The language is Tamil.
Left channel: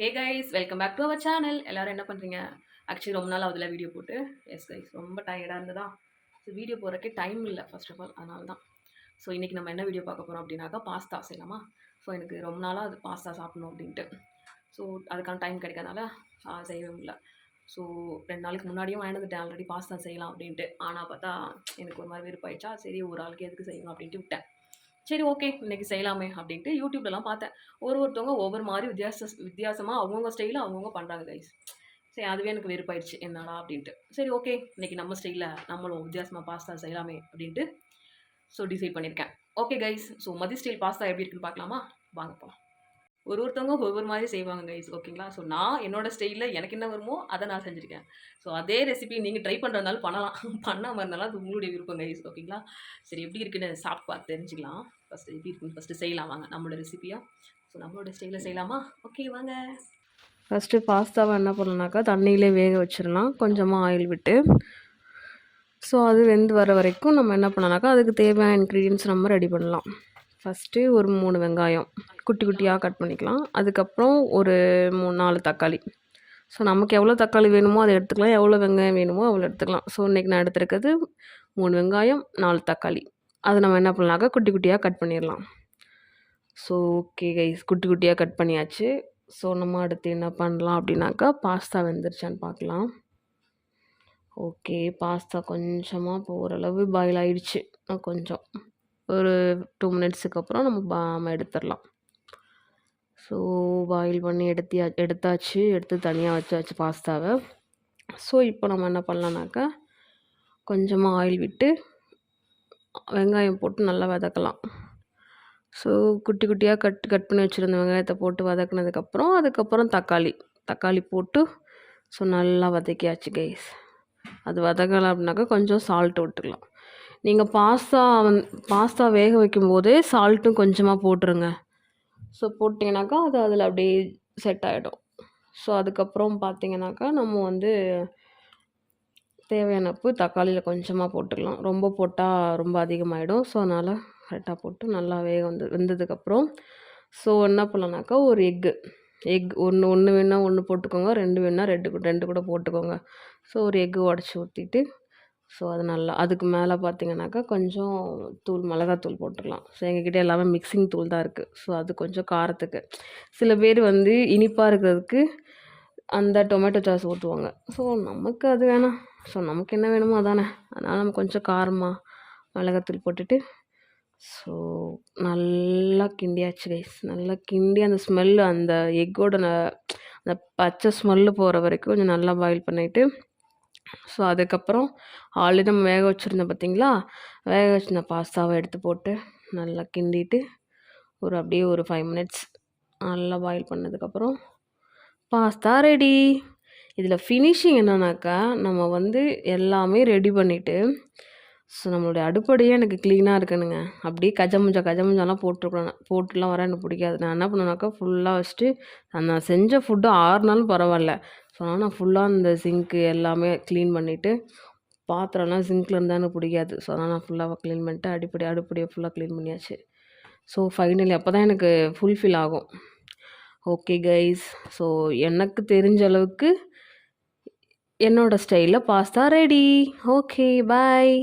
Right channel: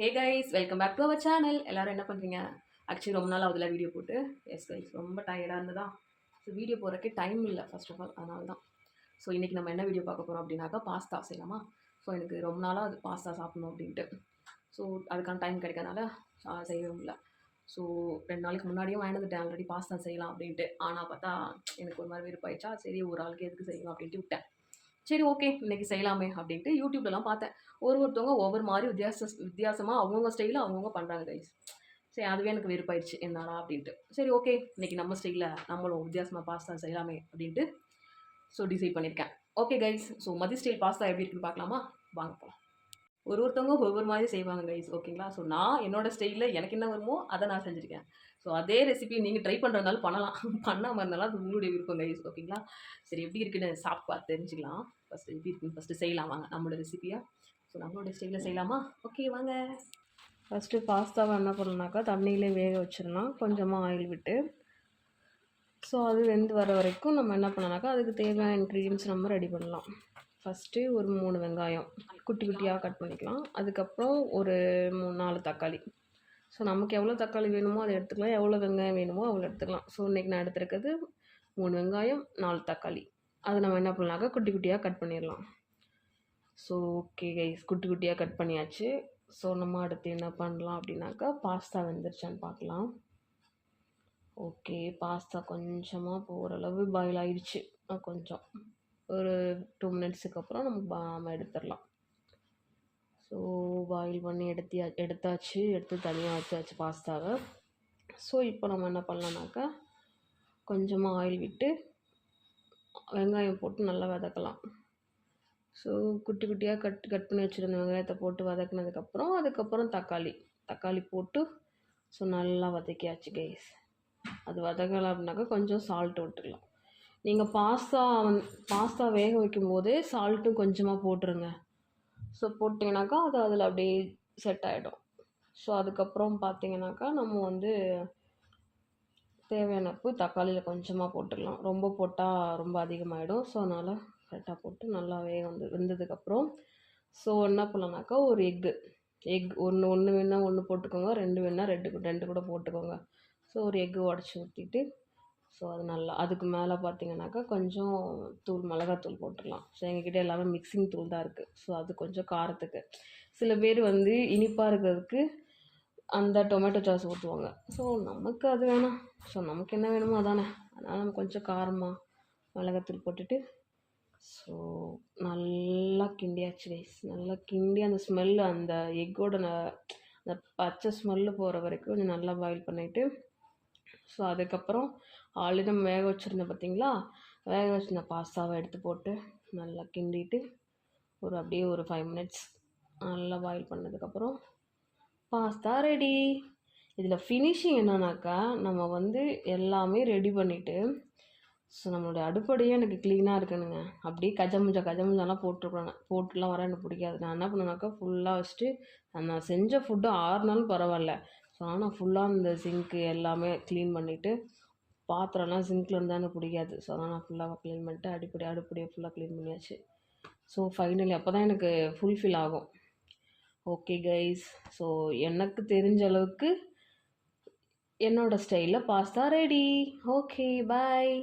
Hey guys, welcome back to our channel. எல்லாரும் என்ன பண்ணுறீங்க? ஆக்சுவலி ரொம்ப நாள் ஆகுதுல வீடியோ போட்டு. எஸ் கைஸ், ரொம்ப டயர்டாக இருந்ததா. ஸோ வீடியோ போடுறக்கே டைம் இல்லை ஃபர்ஸ்ட் ஆஃப் ஆல், அதனால தான். ஸோ இன்றைக்கி நம்ம என்ன வீடியோ பார்க்க போகிறோம் அப்படின்னாக்கா பாஸ்தா செய்யலாமா. ஸோ எனக்கு ரொம்ப நாளாக அது பாஸ்தா சாப்பிடணும் அப்படின்ட்டு. ஸோ அதுக்கான டைம் கிடைக்காதனால செய்யவே முடியல. ஸோ 2 நாளைக்கு முன்னாடியும் வாங்கிட்டு ஆல்ரெடி பாஸ்தா செய்யலாம் அப்படின்ட்டு. ஆனால் பார்த்தா எனக்கு ஒரு மாதிரி விருப்பாயிடுச்சா, சரி ஒரு ஆளுக்கு எதுக்கு செய்யணும் அப்படின்ட்டு விட்டேன். சரி ஓகே, இன்றைக்கி செய்யலாமே அப்படின்ட்டு யூடியூப்லலாம் பார்த்தேன். ஒருத்தவங்க ஒவ்வொரு மாதிரி வித்தியாசமாக அவங்கவுங்க ஸ்டைலில் அவங்கவுங்க பண்ணுறாங்க கைஸ். சரி அதுவே எனக்கு வெறுப்பாயிடுச்சு என்னடா அப்படின்ட்டு. சரி ஓகே, இன்றைக்கி நம்ம ஸ்டைலில் நம்மளும் வித்தியாசமாக பாஸ்தா செய்யலாமே அப்படின்ட்டு டிசைட் பண்ணியிருக்கேன். ஓகே கைஸ், ஸோ மதி ஸ்டைல் பாஸ்தா எப்படி இருக்குன்னு பார்க்கலாமா? வாங்க போகலாம். ஒருத்தவங்க ஒவ்வொரு மாதிரி செய்வாங்க கைஸ், ஓகேங்களா. ஸோ நான் என்னோடய ஸ்டைலில் எனக்கு என்ன வருமோ அதை நான் செஞ்சுருக்கேன். ஸோ அதே ரெசிபி நீங்கள் ட்ரை பண்ணுறதுனாலும் பண்ணலாம், பண்ணாமல் இருந்தாலும் அது உங்களுடைய விருப்பம் கைஸ், ஓகேங்களா. சரி எப்படி இருக்குன்னு சாப்பிட்டு பார்த்து தெரிஞ்சுக்கலாம். ஃபஸ்ட்டு எப்படி இருக்குன்னு ஃபஸ்ட்டு செய்யலாம் வாங்க நம்மளோட ரெசிபியாக. ஸோ நம்மளோட ஸ்டைலில் செய்யலாமா? ஓகே வாங்க. ஃபஸ்ட்டு பாஸ்தாவை என்ன பண்ணலாம்னாக்கா தண்ணியிலே வேக வச்சிடலாம், கொஞ்சமாக ஆயில் விட்டு. ஸோ அது வெந்து வர வரைக்கும் நம்ம என்ன பண்ணலாம்னாக்கா அதுக்கு தேவையான இன்க்ரீடியன்ஸ் நம்ம ரெடி பண்ணலாம். ஃபஸ்ட்டு ஒரு 3 வெங்காயம் குட்டி குட்டியாக கட் பண்ணிக்கலாம். அதுக்கப்புறம் ஒரு 3-4 தக்காளி. ஸோ நமக்கு எவ்வளோ தக்காளி வேணுமோ அதை எடுத்துக்கலாம், எவ்வளோ வெங்காயம் வேணுமோ அவ்வளோ எடுத்துக்கலாம். ஸோ இன்றைக்கி நான் எடுத்துருக்கிறது 3 வெங்காயம் 4 தக்காளி. அது நம்ம என்ன பண்ணலாம்க்கா குட்டி குட்டியாக கட் பண்ணிடலாம். ஸோ ஓகே கைஸ், குட்டி குட்டியாக கட் பண்ணியாச்சு. ஸோ நம்ம அடுத்து என்ன பண்ணலாம் அப்படின்னாக்கா பாஸ்தா வெந்துருச்சான்னு பார்க்கலாம். ஓகே, பாஸ்தா கொஞ்சமாக இப்போ ஓரளவு பாயில் ஆகிடுச்சு. கொஞ்சம் ஒரு 2 மினிட்ஸுக்கு அப்புறம் நம்ம எடுத்துடலாம். ஸோ பாயில் பண்ணி எடுத்தாச்சு, எடுத்து தனியாக வச்சாச்சு பாஸ்தாவை. ஸோ இப்போ நம்ம என்ன பண்ணலாம்னாக்கா கொஞ்சமாக ஆயில் விட்டு வெங்காயம் போட்டு நல்லா வதக்கலாம். ஸோ குட்டி குட்டியாக கட் பண்ணி வச்சுருந்த வெங்காயத்தை போட்டு அதுக்கப்புறம் தக்காளி போட்டு ஸோ நல்லா வதக்கியாச்சு கைஸ். அது வதக்கலாம் அப்படின்னாக்கா கொஞ்சம் சால்ட் விட்டுக்கலாம். நீங்கள் பாஸ்தா வேக வைக்கும்போதே சால்ட்டும் கொஞ்சமாக போட்டுருங்க. ஸோ போட்டிங்கனாக்கா அது அதில் அப்படியே செட் ஆகிடும். ஸோ அதுக்கப்புறம் பார்த்திங்கனாக்கா நம்ம தேவையான உப்பு தக்காளியில் கொஞ்சமாக போட்டுக்கலாம். ரொம்ப போட்டால் ரொம்ப அதிகமாகிடும். ஸோ அதனால் கரெக்டாக போட்டு நல்லா வெந்ததுக்கப்புறம் ஸோ என்ன பண்ணலாம்னாக்கா ஒரு எக் ஒன்று வேணால் 1 போட்டுக்கோங்க, 2 வேணால் 2 கூட போட்டுக்கோங்க. ஸோ ஒரு எக்கு உடச்சி ஊற்றிட்டு ஸோ அது நல்லா அதுக்கு மேலே பார்த்திங்கனாக்கா கொஞ்சம் மிளகாத்தூள் போட்டுக்கலாம். ஸோ எங்ககிட்ட எல்லாமே மிக்சிங் தூள் தான் இருக்குது. ஸோ அது கொஞ்சம் காரத்துக்கு. சில பேர் இனிப்பாக இருக்கிறதுக்கு அந்த டொமேட்டோ சாஸ் ஊற்றுவாங்க. ஸோ நமக்கு அது வேணாம். ஸோ நமக்கு என்ன வேணுமோ அதானே, அதனால் நம்ம கொஞ்சம் காரமாக மிளகாத்தூள் போட்டுட்டு ஸோ நல்லா கிண்டியாச்சு கைஸ். நல்லா கிண்டி அந்த ஸ்மெல்லு அந்த எக்கோட அந்த பச்சை ஸ்மெல்லு போகிற வரைக்கும் கொஞ்சம் நல்லா பாயில் பண்ணிவிட்டு ஸோ அதுக்கப்புறம் ஆல்ரெடி நம்ம வேக வச்சுருந்தோம் பார்த்திங்களா, வேக வச்சுருந்த பாஸ்தாவை எடுத்து போட்டு நல்லா கிண்டிட்டு அப்படியே ஒரு 5 மினிட்ஸ் நல்லா பாயில் பண்ணதுக்கப்புறம் பாஸ்தா ரெடி. இதில் ஃபினிஷிங் என்னன்னாக்கா நம்ம எல்லாமே ரெடி பண்ணிவிட்டு ஸோ நம்மளுடைய அடுப்படியே எனக்கு க்ளீனாக இருக்கணுங்க. அப்படியே கஜமுஞ்சாலாம் போட்டுலாம் வர எனக்கு பிடிக்காது. நான் என்ன பண்ணுவேனாக்கா ஃபுல்லாக வச்சுட்டு நான் செஞ்ச ஃபுட்டு 6 நாளும் பரவாயில்ல. ஸோ நான் ஃபுல்லாக இந்த சிங்க்கு எல்லாமே க்ளீன் பண்ணிவிட்டு பாத்திரம்லாம் சிங்க்கில் இருந்தால் எனக்கு பிடிக்காது. ஸோ அதனால் நான் ஃபுல்லாக க்ளீன் பண்ணிட்டு அடுப்படியை ஃபுல்லாக க்ளீன் பண்ணியாச்சு. ஸோ ஃபைனலி அப்போ தான் எனக்கு ஃபுல்ஃபில் ஆகும். ஓகே கைஸ், ஸோ எனக்கு தெரிஞ்ச அளவுக்கு என்னோடய ஸ்டைலில் பாஸ்தா ரெடி. Okay bye.